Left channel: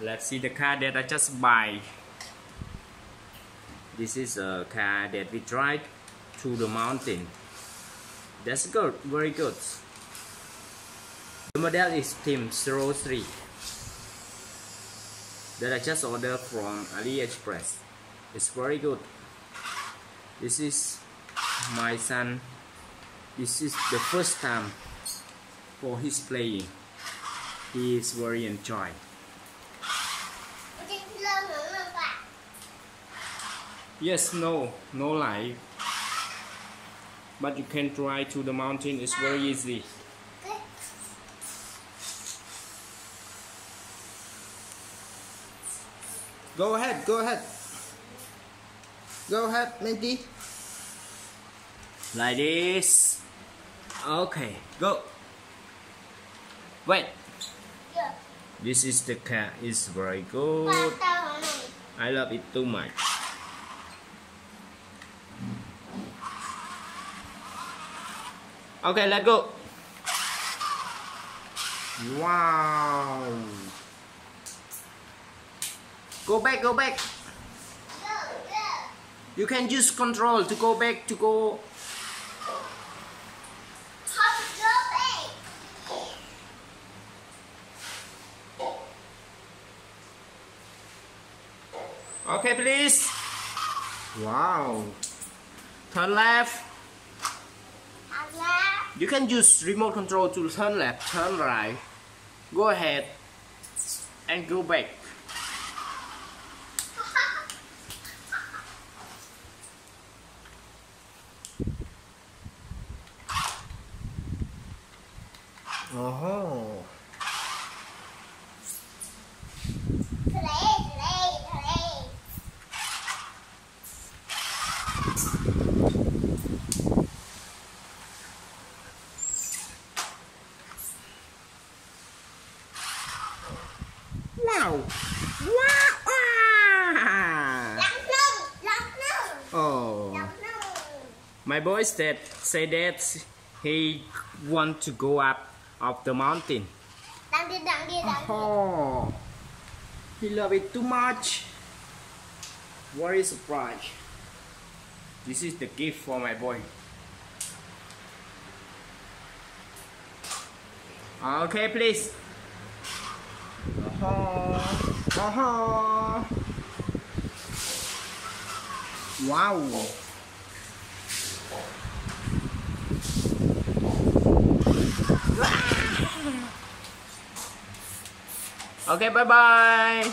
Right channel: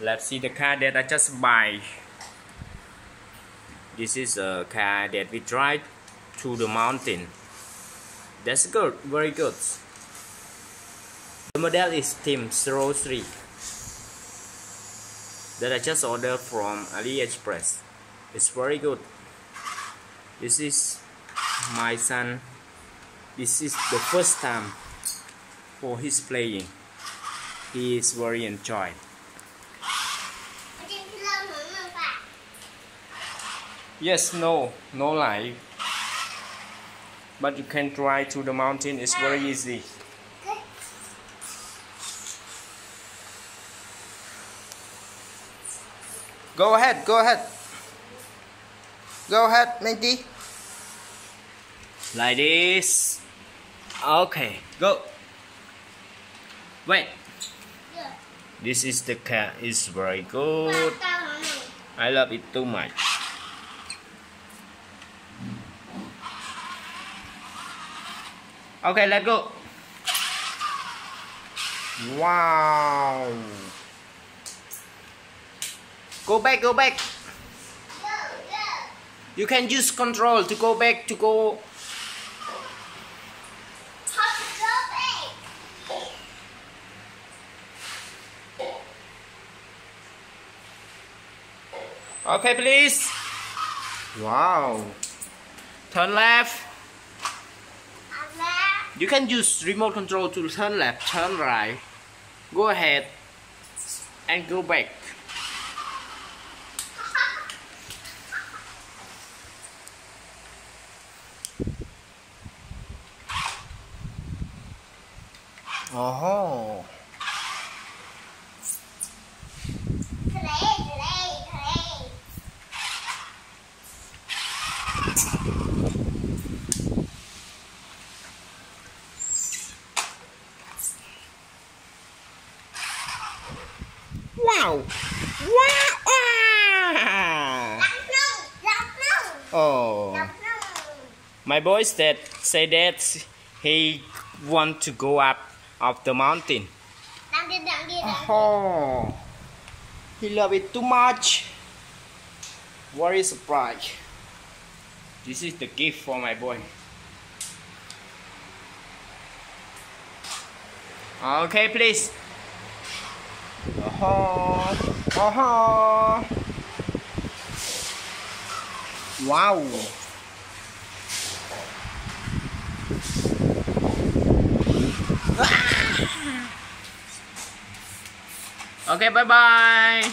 Let's see the car that I just buy. This is a car that we drive to the mountain. That's good, very good. The model is Team 03 that I just ordered from AliExpress. It's very good. This is my son. This is the first time for his playing. He is very enjoyed. Yes, no light. But you can drive to the mountain. It's very easy. Go ahead, Minty. Like this. Okay, go. Wait. This is the car. It's very good. I love it too much. Okay, let's go. Wow. Go back. You can use control to go back, to go. Okay, please. Wow. Turn left. You can use remote control to turn left, turn right. Go ahead and go back. Oh. Wow! Oh, my boy said that he want to go up the mountain. Oh, he love it too much. Very surprised. This is the gift for my boy. Okay, please. Wow. Okay, bye bye.